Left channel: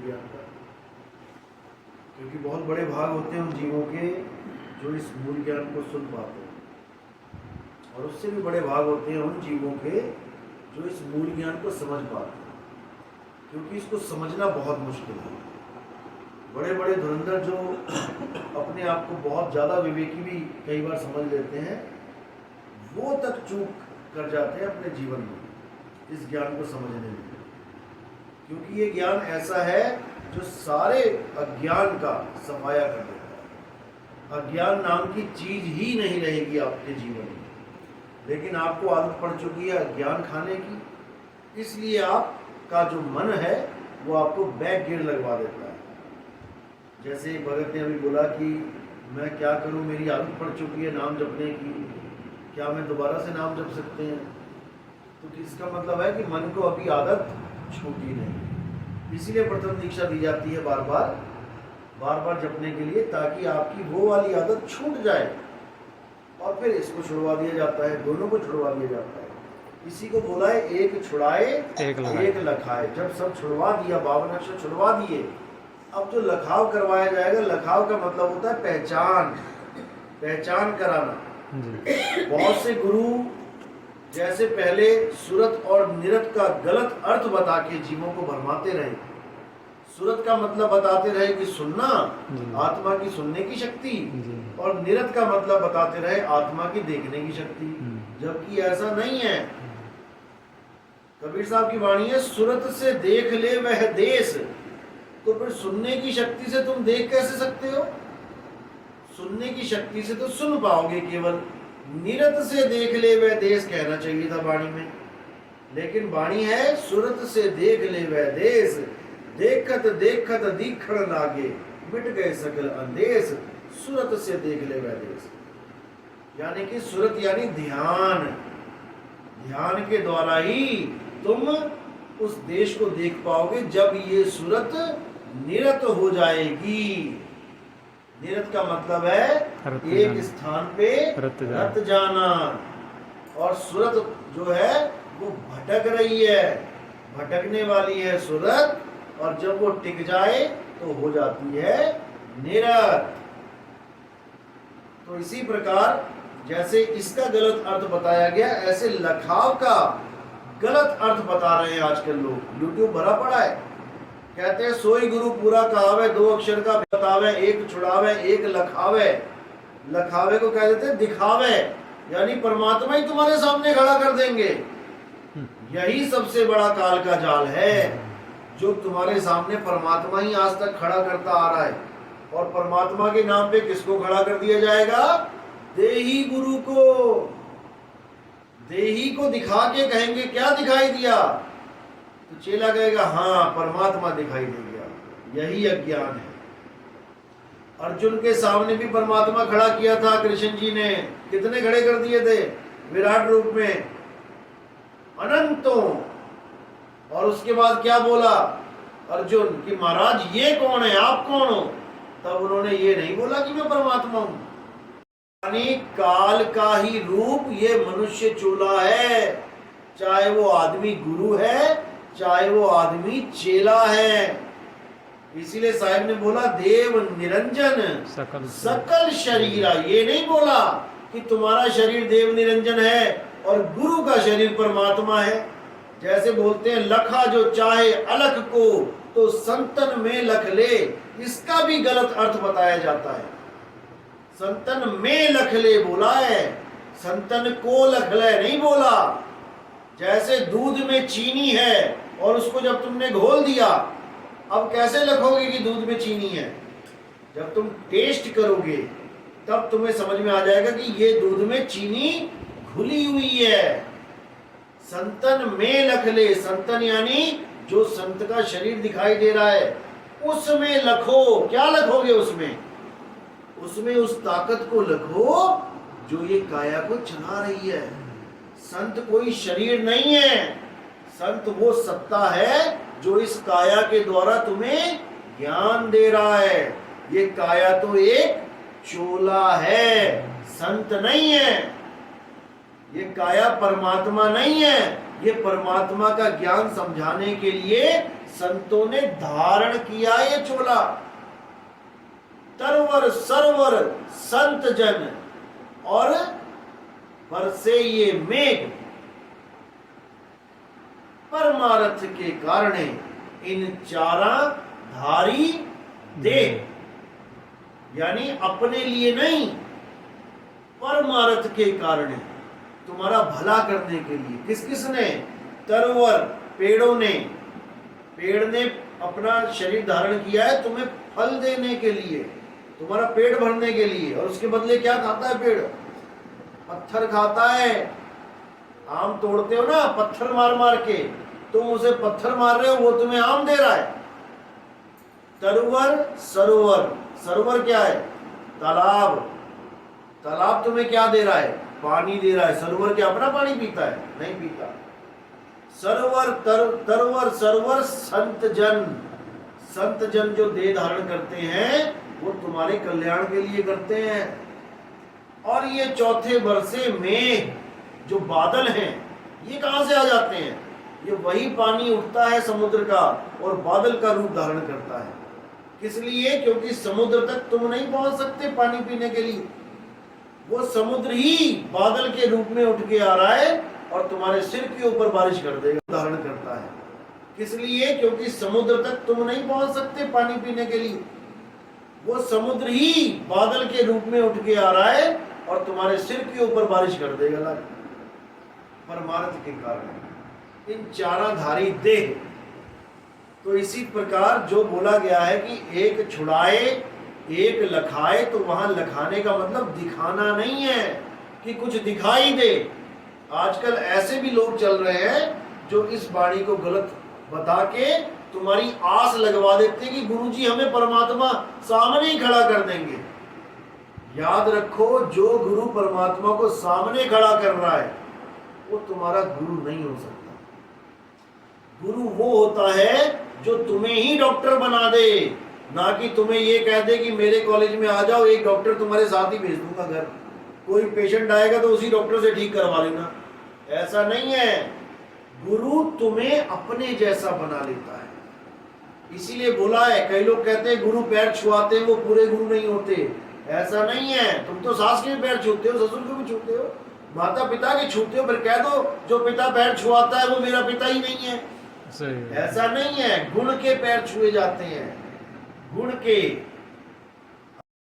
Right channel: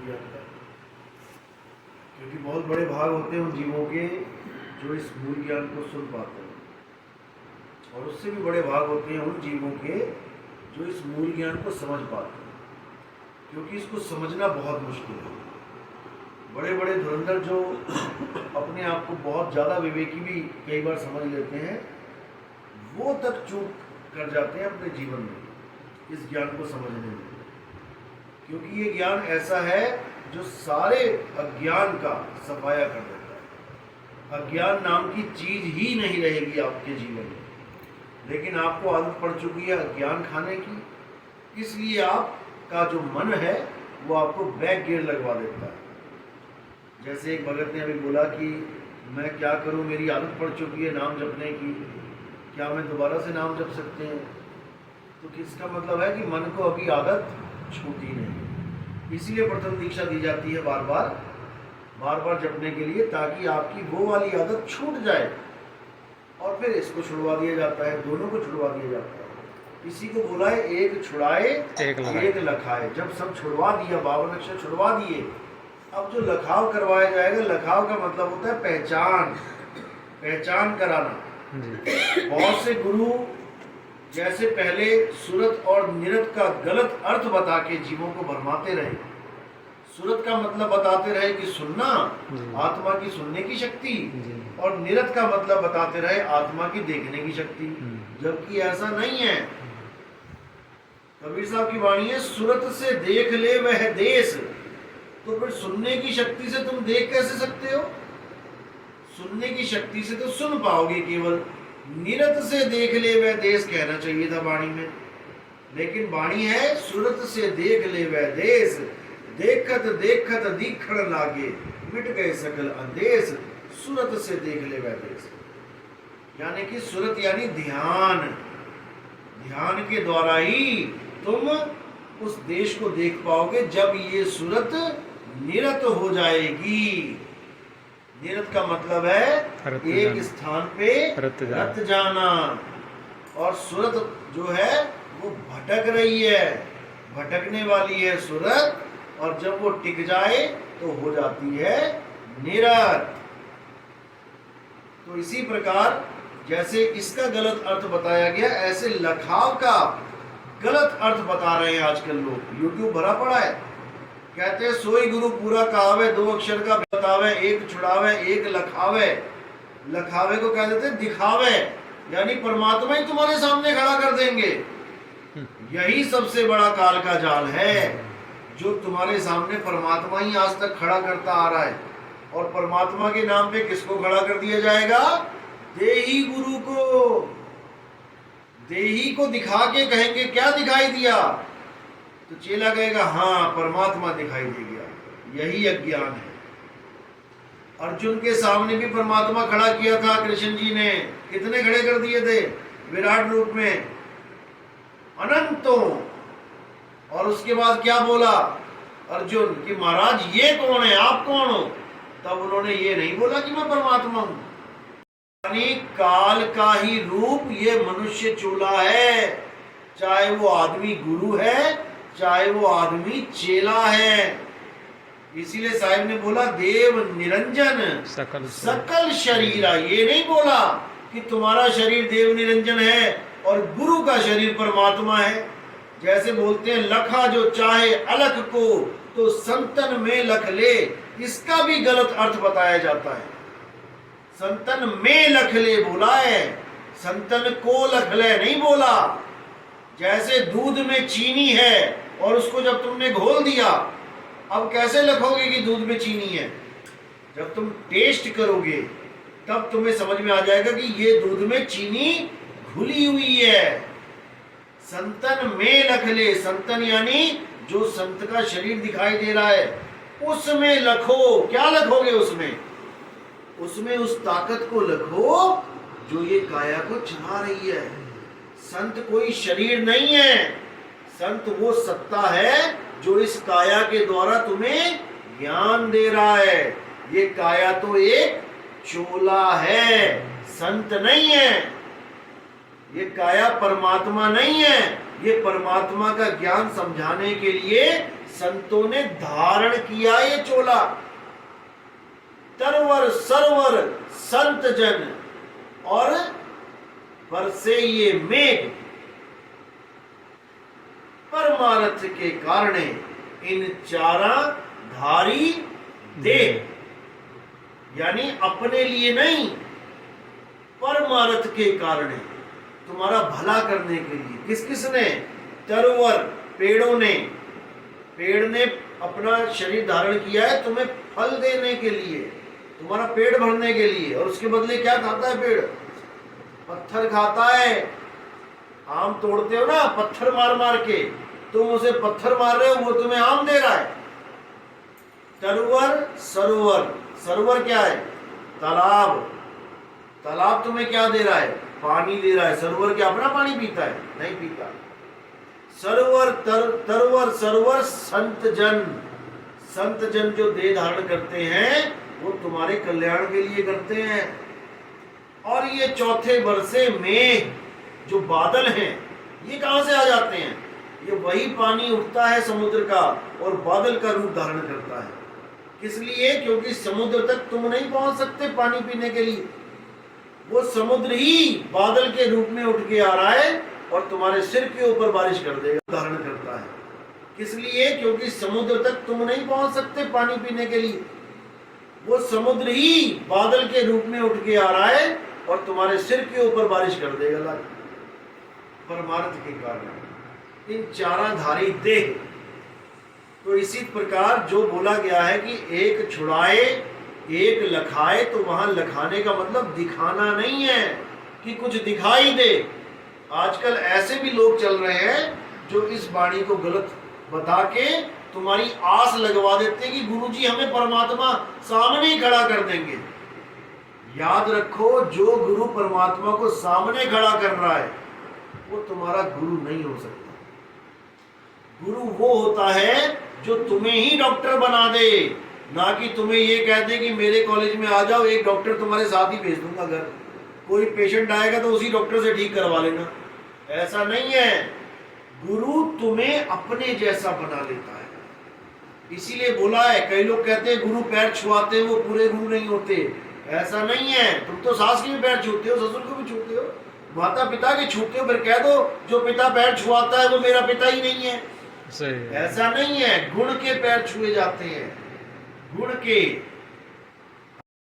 ज्ञान का, क्योंकि बहुत बड़े भाग होते हैं उन जीवों के जो इस मूल ज्ञान को सुन पाते हैं, और उससे भी बड़े भाग होते हैं उन जीवों के जो इस मूल ज्ञान को समझ पाते हैं, क्योंकि इसको समझना बहुत मुश्किल है। बड़े बड़े धुरंधर जो अपने आप को बहुत ज़्यादा विवेकी भी कई बार समझ लेते हैं, वो तक चूक कर जाते हैं अपने जीवन में इस ज्ञान को समझने में, क्योंकि ये ज्ञान ऐसा है जो सारे अज्ञान का सफाया कर देता है। अज्ञान नाम की चीज ही नहीं रहेगी आपके जीवन में, लेकिन आपको आदत पड़ चुकी है अज्ञान खाने की, इसलिए आपका जो मन है वो आपको बैक गियर लगवा देता है। जैसे एक भगत ने अभी बोला कि मैं क्या करूं, मेरी आदत पड़ चुकी है नाम जपने की, क्या मैं दोबारा से नाम जप सकते हैं? तो किसका मतलब है कि मन को अभी आदत छूटी नहीं, इसीलिए प्रथम दीक्षा दी जाती है बार बार जपने के लिए, ताकि आपकी वो वाली आदत छूट जाए, और फिर इसको छुड़वा दिया जाता है, दोनों को छुड़वा दिया जाता है। इसी को बोला है एक छुड़ाए एक लखाए। जब सब छुड़वा दिया, 52 अक्षर छुड़वा दिए, अब जो लखाव करवाया जाएगा, लखाव का मतलब होता है पहचान कराना। बहुत से गुरु जैसे पहले सुरत और निरत का गलत अर्थ बता के जीवों को भरमाते रहे। सुरत का मतलब बताते रहे कि सुनना, आत्मा की सुनने की शक्ति, और निरत का मतलब बताते रहे आत्मा की देखने की शक्ति, जबकि ऐसा नहीं है। कबीर साहब की वाणी है, सुरत से देख ले वह देश। तो फिर सुनने की शक्ति से तुम देख कैसे सकते हो? सुनने की शक्ति से तो सुन पाओगे केवल। निरत से देख ले वह देश कहना चाहिए था वाणी में, लेकिन वाणी है सुरत से देख ले वह देश, देखत देखत दीखण लागे, मिट गए सकल अंदेश, सुरत से देख ले वह देश। यानी कि सुरत यानी ध्यान, ध्यान के द्वारा ही तुम उस देश को देख पाओगे, जब ये सुरत निरत हो जाएगी। निरत का मतलब है एक स्थान पे रत जाना, और सुरत जो है वो भटक रही है, भटकने वाली है सुरत, और जब वो टिक जाए तो हो जाती है निरत। तो इसी प्रकार जैसे इसका गलत अर्थ बताया गया, ऐसे लखाव का गलत अर्थ बता रहे हैं आजकल लोग। यूट्यूब भरा पड़ा है, कहते हैं सोई गुरु पूरा कहावे, 2 अक्षर का बतावे, एक छुड़ावे एक लखावे। लखावे को कह देते हैं दिखावे, यानी परमात्मा ही तुम्हारे सामने खड़ा कर देंगे। यही सबसे बड़ा काल का जाल है, जो तुम्हारे सामने परमात्मा ही आज तक खड़ा करता आ रहा है। और परमात्मा के नाम पे किसको खड़ा कर दिया जाएगा? देही गुरु को। देही को दिखा के कहेंगे क्या दिखाई दिया? तो चेला कहेगा हाँ परमात्मा दिखाई दे गया। यही अज्ञान है। अर्जुन के सामने भी परमात्मा खड़ा किया था कृष्ण जी ने, कितने खड़े कर दिए थे विराट रूप में, अनंतों। और उसके बाद क्या बोला अर्जुन कि महाराज ये कौन है, आप कौन हो? तब उन्होंने ये नहीं बोला कि मैं परमात्मा हूं। यानी काल का ही रूप ये मनुष्य चोला है, चाहे वो आदमी गुरु है, चाहे वो आदमी चेला है। इसीलिए साहिब ने बोला देव निरंजन सकल शरीरा। ये नहीं बोला कि तुम्हारा शरीर देव निरंजन है और गुरु का शरीर परमात्मा है। जैसे बोलते हैं लखा जो चाहे अलख को तो संतन में लख ले, इसका भी गलत अर्थ बताया जाता है। संतन में लख ले बोला है, संतन को लख ले नहीं बोला। जैसे दूध में चीनी है और उसको जब तुमने घोल दिया, अब कैसे लखोगे कि दूध में चीनी है? जब तुम टेस्ट करोगे तब तुम्हें समझ में आ जाएगा कि ये दूध में चीनी घुली हुई है। संतन में लख ले, संतन यानी जो संत का शरीर दिखाई दे रहा है उसमें लखो। क्या लखोगे उसमें? उसमें उस ताकत को लखो जो ये काया को चला रही है। संत कोई शरीर नहीं है, संत वो सत्ता है जो इस काया के द्वारा तुम्हें ज्ञान दे रहा है। ये काया तो एक चोला है, संत नहीं है। ये काया परमात्मा नहीं है। ये परमात्मा का ज्ञान समझाने के लिए संतों ने धारण किया ये चोला। तरवर सरवर संत जन और बरसे ये मेघ, परमार्थ के कारण इन चारा धारी देह, यानी अपने लिए नहीं, परमार्थ के कारण, तुम्हारा भला करने के लिए। किस किसने? तरवर, पेड़ों ने। पेड़ ने अपना शरीर धारण किया है तुम्हें फल देने के लिए, तुम्हारा पेट भरने के लिए। और उसके बदले क्या खाता है पेड़? पत्थर खाता है। आम तोड़ते हो ना पत्थर मार मार के, तुम उसे पत्थर मार रहे हो, वो तुम्हें आम दे रहा है। तरवर सरोवर, सरोवर क्या है? तालाब। तालाब तुम्हें क्या दे रहा है? पानी दे रहा है। सरोवर क्या अपना पानी पीता है? नहीं पीता। सरोवर तरवर सरोवर संत जन, संत जन जो देह धारण करते हैं वो तुम्हारे कल्याण के लिए करते हैं। और ये चौथे बरसे में जो बादल हैं, ये कहां से आ जाते हैं? ये वही पानी उठता है समुद्र का और बादल का रूप धारण करता है। किस लिए? क्योंकि समुद्र तक तुम नहीं पहुंच सकते पानी पीने के लिए, वो समुद्र ही बादल के रूप में उठ के आ रहा है और तुम्हारे सिर के ऊपर बारिश कर देगा, धारण करता है। किस लिए? क्योंकि समुद्र तक तुम नहीं पहुंच सकते पानी पीने के लिए, वो समुद्र ही बादल के रूप में उठ के आ रहा है और तुम्हारे सिर के ऊपर बारिश कर देगा, परमार्थ के कारण। इन चाराधारी देह। तो इसी प्रकार जो बोला गया है कि एक छुड़ाए एक लखाए, तो वहां लखाने का मतलब दिखाना नहीं है कि कुछ दिखाई दे। आजकल ऐसे भी लोग चल रहे हैं जो इस वाणी को गलत बता के तुम्हारी आस लगवा देते हैं कि गुरुजी हमें परमात्मा सामने ही खड़ा कर देंगे। याद रखो, जो गुरु परमात्मा को सामने खड़ा कर रहा है वो तुम्हारा गुरु नहीं हो सकता। गुरु वो होता है जो तुम्हें ही डॉक्टर बना दे, ना कि तुम्हें ये कह दे कि मेरे कॉलेज में आ जाओ, एक डॉक्टर तुम्हारे साथ ही भेज दूंगा घर, कोई पेशेंट आएगा तो उसी डॉक्टर से ठीक करवा लेना। ऐसा नहीं है। गुरु तुम्हें अपने जैसा बना लेता है। इसीलिए बोला है, कई लोग कहते हैं गुरु पैर छुआते हैं वो पूरे गुरु नहीं होते। ऐसा नहीं है। तुम तो सास के भी पैर छूते हो, ससुर के भी छूते हो, माता पिता के छूते हो, फिर कह दो जो पिता पैर छुआता है वो मेरा पिता ही नहीं है। सही है। ऐसा नहीं है। गुण के पैर छुए जाते हैं, गुण के।